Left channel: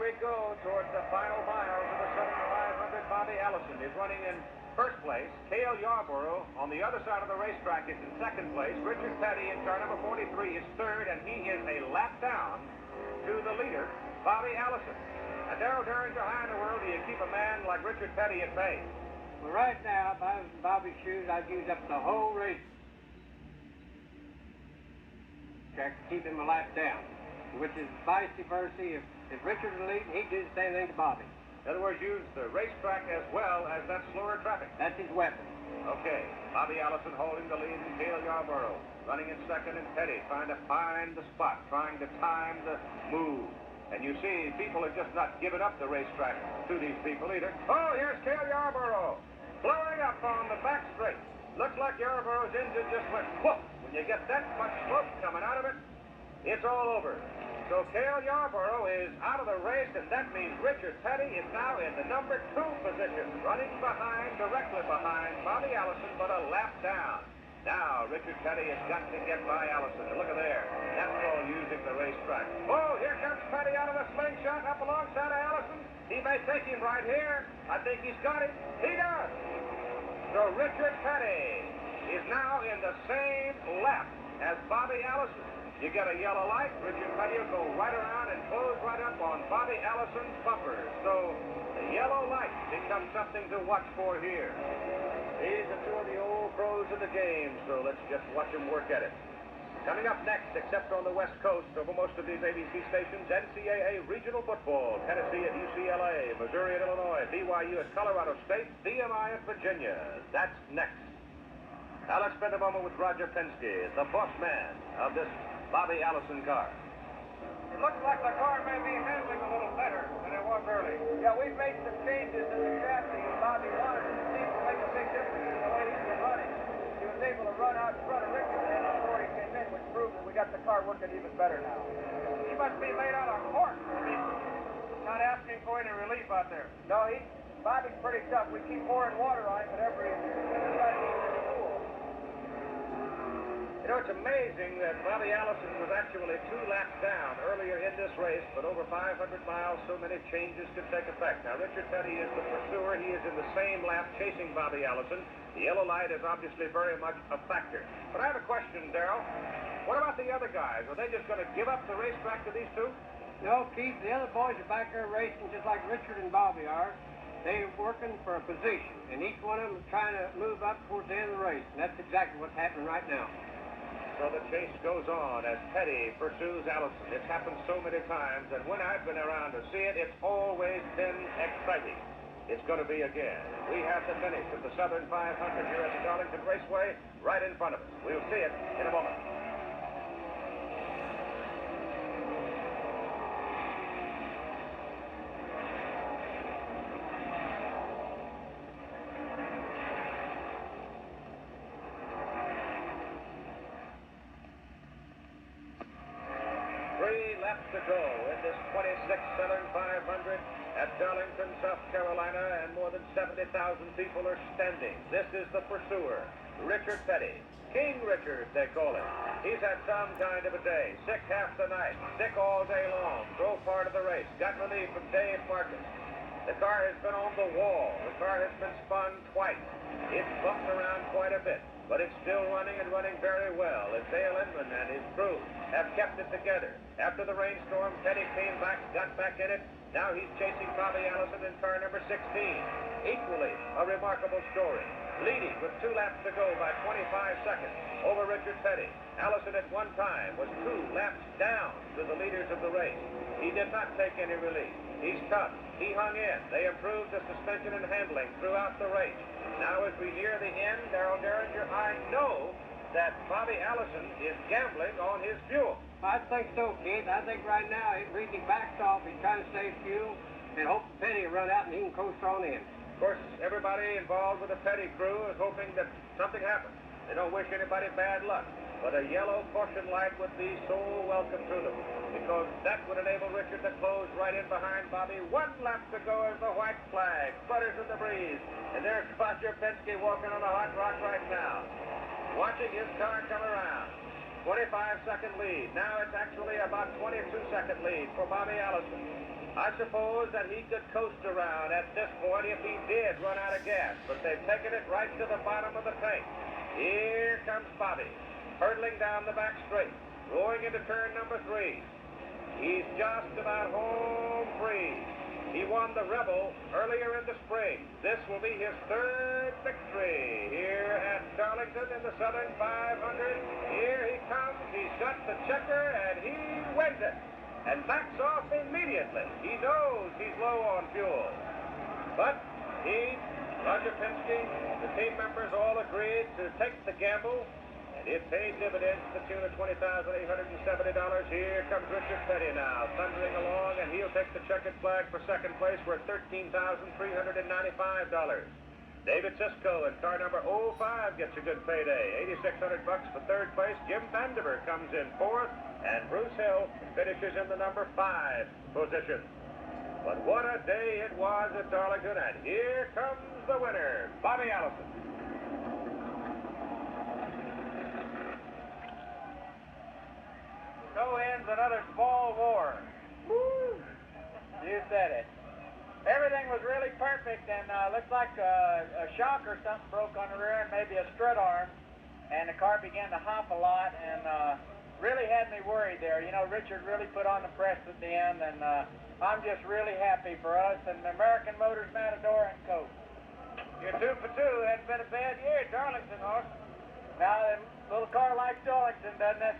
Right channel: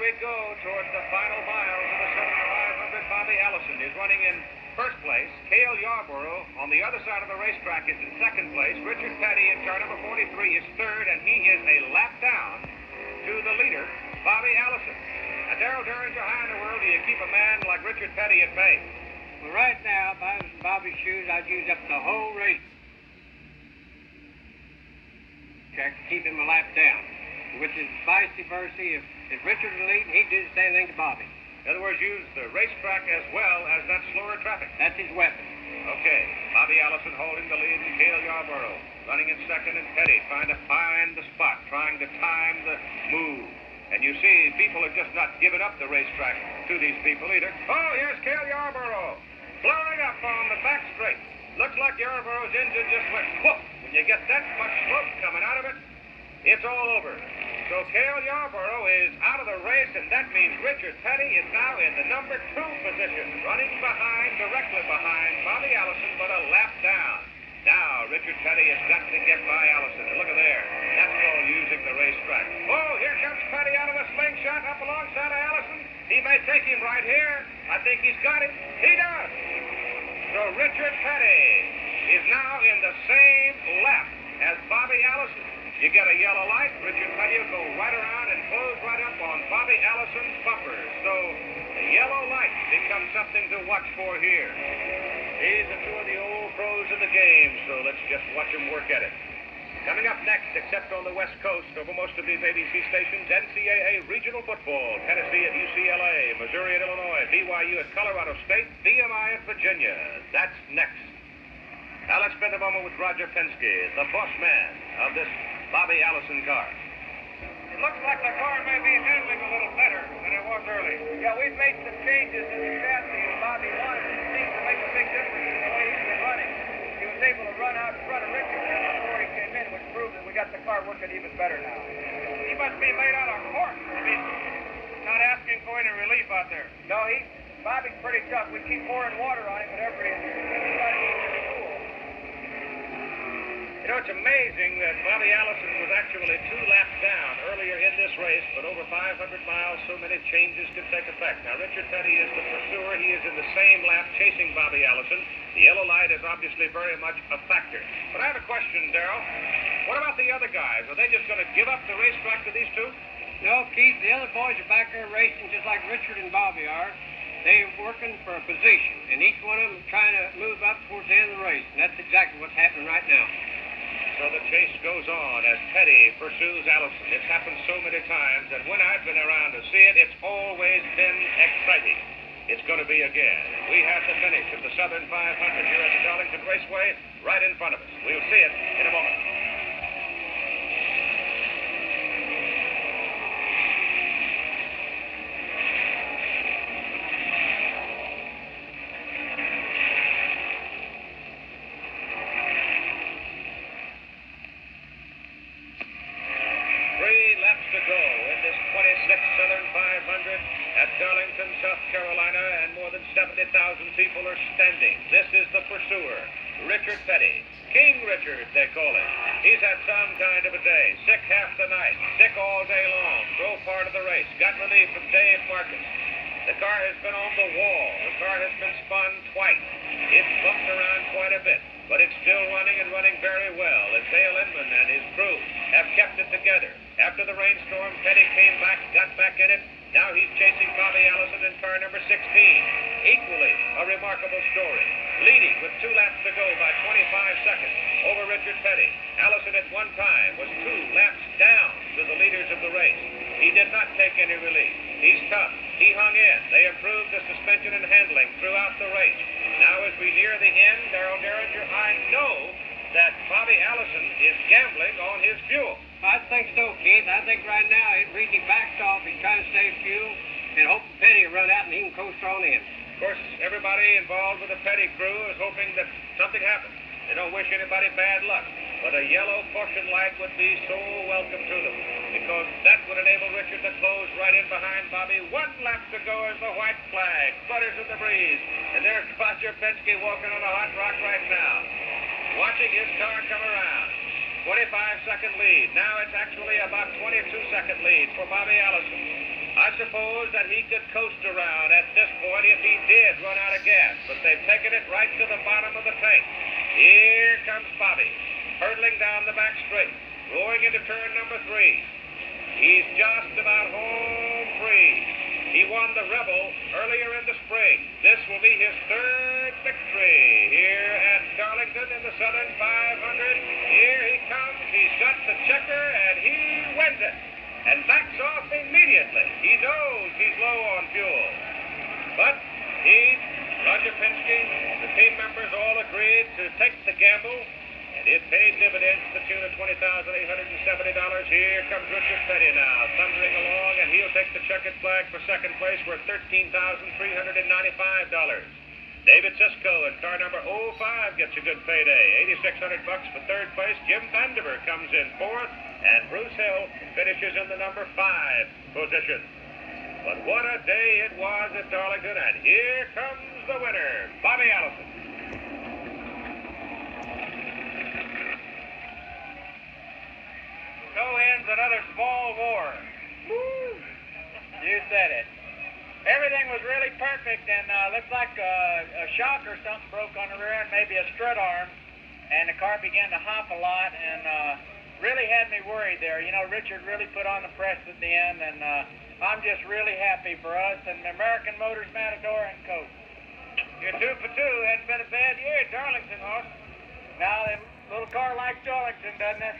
we go towards the final miles of the 7500. Bobby Allison is running in first place. Cale Yarborough on the other side of the racetrack is in second place. Richard Petty in car number 43 is third, and he is a lap down to the leader, Bobby Allison. Now, Darrell Derringer, how in the world do you keep a man like Richard Petty at bay? Well, right now, if I was in Bobby's shoes, I'd use up the whole race track to keep him a lap down, which is vice versa. If Richard was leading, he'd do the same thing to Bobby. In other words, use the racetrack as well as that slower traffic. That's his weapon. Okay, Bobby Allison holding the lead, and Cale Yarborough running in second, and Petty trying to find the spot, trying to time the move. And you see, people are just not giving up the racetrack to these people either. Oh, here's Cale Yarborough, blowing up on the back straight. Looks like Yarborough's engine just went whoop. When you get that much smoke coming out of it, it's all over. So Cale Yarborough is out of the race, and that means Richard Petty is now in the number 2 position, running directly behind Bobby Allison, but a lap down. Now, Richard Petty has got to get by Allison. And look at there. That's called using the racetrack. Oh, here comes Petty out of the slingshot up alongside of Allison. He may take him right here. I think he's got him. He does. So Richard Petty is now in the same lap as Bobby Allison. You get a yellow light, Richard Petty will go right around and close right up on Bobby Allison's bumpers. So the yellow light becomes something to watch for here. These are two of the old pros of the game, so let's just watch them work at it. Coming up next, except on the West Coast, over most of these ABC stations, NCAA regional football, Tennessee at UCLA, Missouri at Illinois, BYU at Colorado State, VMI at Virginia. That's next. Now let's spend a moment with Roger Penske, the boss man of this Bobby Allison car. It looks like the car may be handling a little better than it was early. Yeah, we've made some changes in the chassis, and Bobby wanted it. It seems to make a big difference in the way he's been running. He was able to run out in front of Richard before he came in, which proved that we got the car working even better now. He must be made out of cork. I mean, not asking for any relief out there. No, Bobby's pretty tough. We keep pouring water on him whenever he's got to keep him cool. You know, it's amazing that Bobby Allison was actually 2 laps down earlier in this race, but over 500 miles, so many changes could take effect. Now, Richard Petty is the pursuer. He is in the same lap chasing Bobby Allison. The yellow light is obviously very much a factor. But I have a question, Darrell. What about the other guys? Are they just going to give up the racetrack to these two? No, Keith, the other boys are back there racing just like Richard and Bobby are. They're working for a position, and each one of them is trying to move up towards the end of the race, and that's exactly what's happening right now. So the chase goes on as Petty pursues Allison. It's happened so many times, and when I've been around to see it, it's always been exciting. It's going to be again. We have the finish of the Southern 500 here at the Darlington Raceway right in front of us. We'll see it in a moment. To go in this 26th Southern 500 at Darlington, South Carolina, and more than 70,000 people are standing. This is the pursuer, Richard Petty. King Richard, they call him. He's had some kind of a day. Sick half the night, sick all day long, drove part of the race, got relief from Dave Marcus. The car has been on the wall. The car has been spun twice. It's bumped around quite a bit, but it's still running and running very well as Dale Inman and his crew have kept it together. After the rainstorm, Petty came back, got back in it. Now he's chasing Bobby Allison in car number 16. Equally a remarkable story. Leading with 2 laps to go by 25 seconds over Richard Petty. Allison at one time was 2 laps down to the leaders of the race. He did not take any relief. He's tough. He hung in. They improved the suspension and handling throughout the race. Now as we near the end, Darrell Derringer, I know that Bobby Allison is gambling on his fuel. I think so, Keith. I think right now he's really backed off. He's trying to save fuel and hope Petty will run out and he can coast on in. Of course, everybody involved with the Petty crew is hoping that something happens. They don't wish anybody bad luck. But a yellow caution light would be so welcome to them, because that would enable Richard to close right in behind Bobby. 1 lap to go as the white flag flutters in the breeze. And there's Roger Penske walking on the hot rock right now, watching his car come around. 25-second lead. Now it's actually about 22-second lead for Bobby Allison. I suppose that he could coast around at this point if he did run out of gas, but they've taken it right to the bottom of the tank. Here comes Bobby, hurtling down the back straight, going into turn number 3. He's just about home free. He won the Rebel earlier in the spring. This will be his 3rd victory here at Darlington in the Southern 500. Here he comes. He's got the checker, and he wins it. And backs off immediately. He knows he's low on fuel. But he, Roger Penske, the team members all agreed to take the gamble, and it paid dividends to the tune of $20,870. Here comes Richard Petty now, thundering along, and he'll take the checkered flag for second place worth $13,395. David Sisko in car number 05 gets a good payday, $8,600 for third place. Jim Vandiver comes in fourth, and Bruce Hill finishes in the number 5 position. But what a day it was at Darlington, and here comes the winner, Bobby Allison. So ends another small war. Woo! You said it. Everything was really perfect, and looked like a shock or something broke on the rear end, maybe a strut arm, and the car began to hop a lot, and really had me worried there. You know, Richard really put on the press at the end, and I'm just really happy for us and American Motors, Matador, and Coke. You're 2 for 2. Hadn't been a bad year at Darlington, horse. Now, a little car like Darlington, doesn't it?